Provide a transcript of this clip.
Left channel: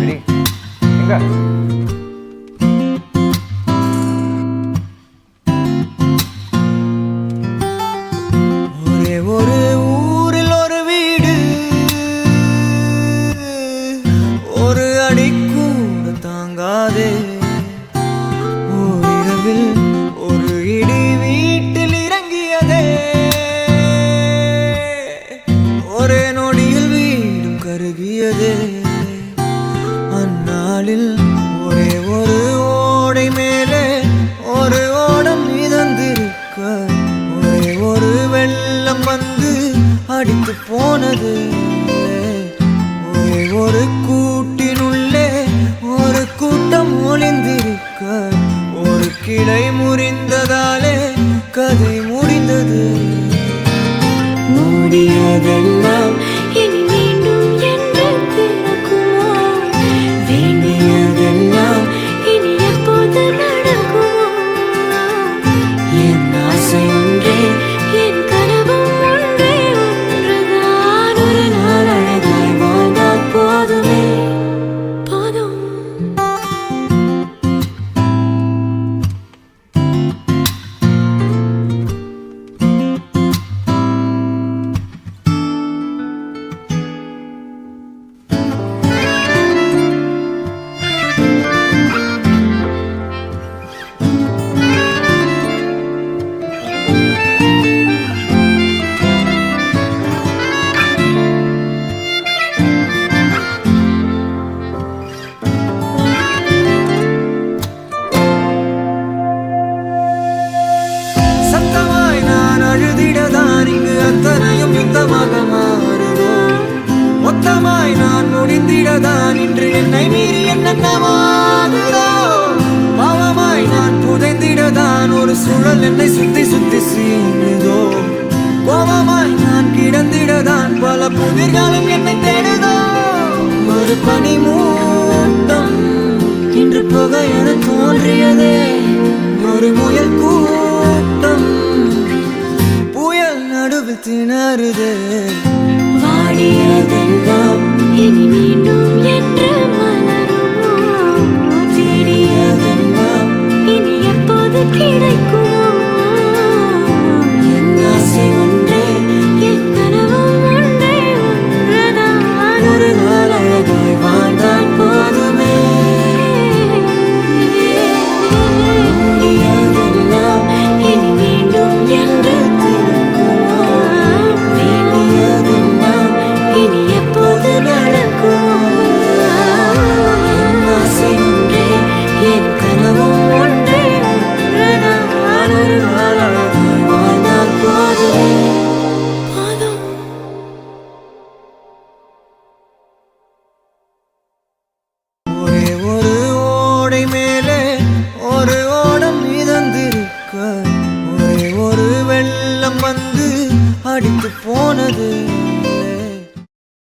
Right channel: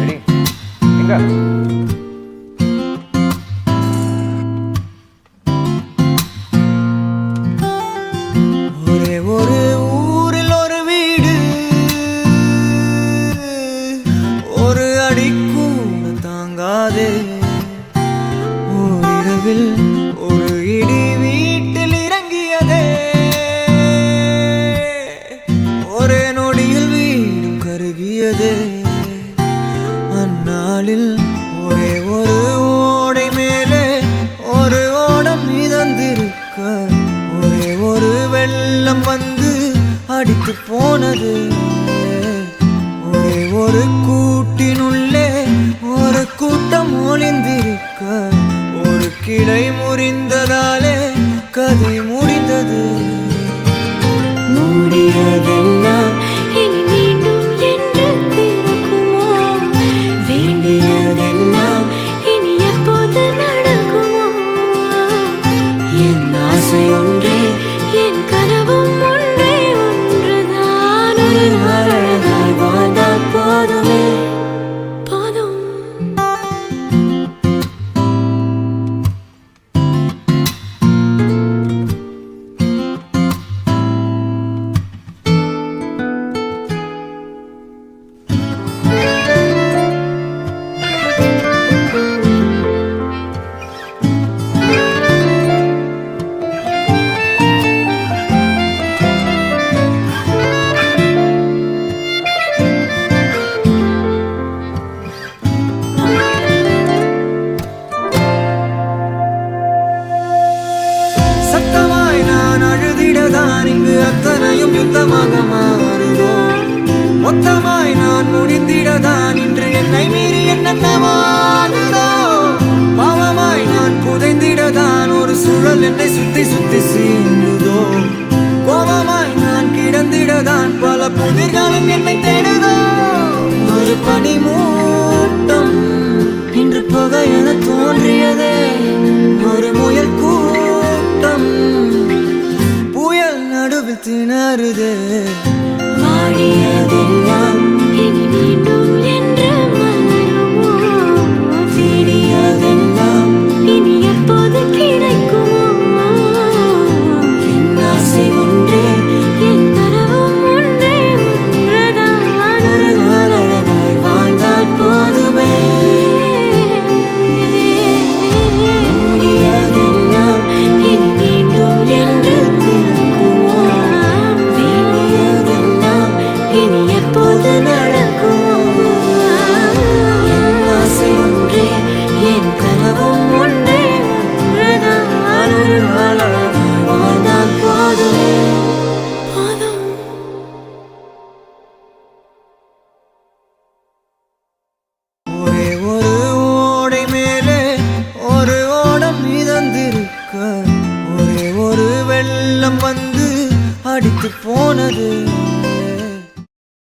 Ready எங்க ஒரே ஒரு ஊரில் ஒரு வீடு, ஒரு அடி கூட தாங்காதே. ஓரிரவில் ஒரு இடி வீட்டில் இறங்கியதே. ஒரே நொடியில் வீடும் கருகியதே. அந்நாளில் ஒரே ஒரு ஓடை மேலே ஒரு ஓடம் மிதந்திருக்க, ஒரே ஒரு வெள்ளம் வந்து அடித்து போனது. ஒரே ஒரு கூட்டினுள்ளே ஒரு கூட்டம் ஒளிந்திருக்க, ஒரு கிளை முறிந்ததாலே கதை முடிந்தது. மூடியதெல்லாம் இனி மீண்டும் என்று திறக்குமோ? வேண்டியதெல்லாம் இனி எப்போது நடக்குமோ? என் ஆசை ஒன்றே, என் கனவும் ஒன்றே, ஒன்றுதான். ஒரு நாள் அழகாய் வாழ்ந்தால் போதுமே, போதும். சத்தமாய் நான் அழுதிடதான் இங்கு அத்தனையும் யுத்தமாக மாறுதோ? மொத்தமாய் நான் முடிந்திடதான் இன்று என்னை மீறி என்னென்னமாகுதோ? பாவமாய் நான் புதைந்திடதான் ஒரு சுழல் என்னை சுத்தி சுத்தி சீண்டுதோ? கோபமாய் நான் கிடந்திடதான் பல புதிர்களும் என்னை தேடுதோ? ஒரு பனி மூட்டம் இன்று புகை என தோன்றியதே. ஒரு முயல் கூட்டம் புயல் நடுவில் திணறுதே. வாடியதெல்லாம் இனி மீண்டும் என்று மலருமோ? தேடியதெல்லாம் இனி எப்போது கிடைக்குமோ? என் ஆசை ஒன்றே, என் கனவும் ஒன்றே, ஒன்றுதான். ஒரு நாள் அழகாய் வாழ்ந்தால் போதுமே. மூடியதெல்லாம் இனி மீண்டும் என்று திறக்குமோ? வேண்டியதெல்லாம் இனி எப்போது நடக்குமோ? என் ஆசை ஒன்றே, என் கனவும் ஒன்றே, ஒன்றுதான். ஒரு நாள் அழகாய் வாழ்ந்தால் போதுமே, போதும். ஒரே ஒரு ஓடை மேலே ஒரு ஓடம் மிதந்திருக்க, ஒரே ஒரு வெள்ளம் வந்து அடித்து போனது.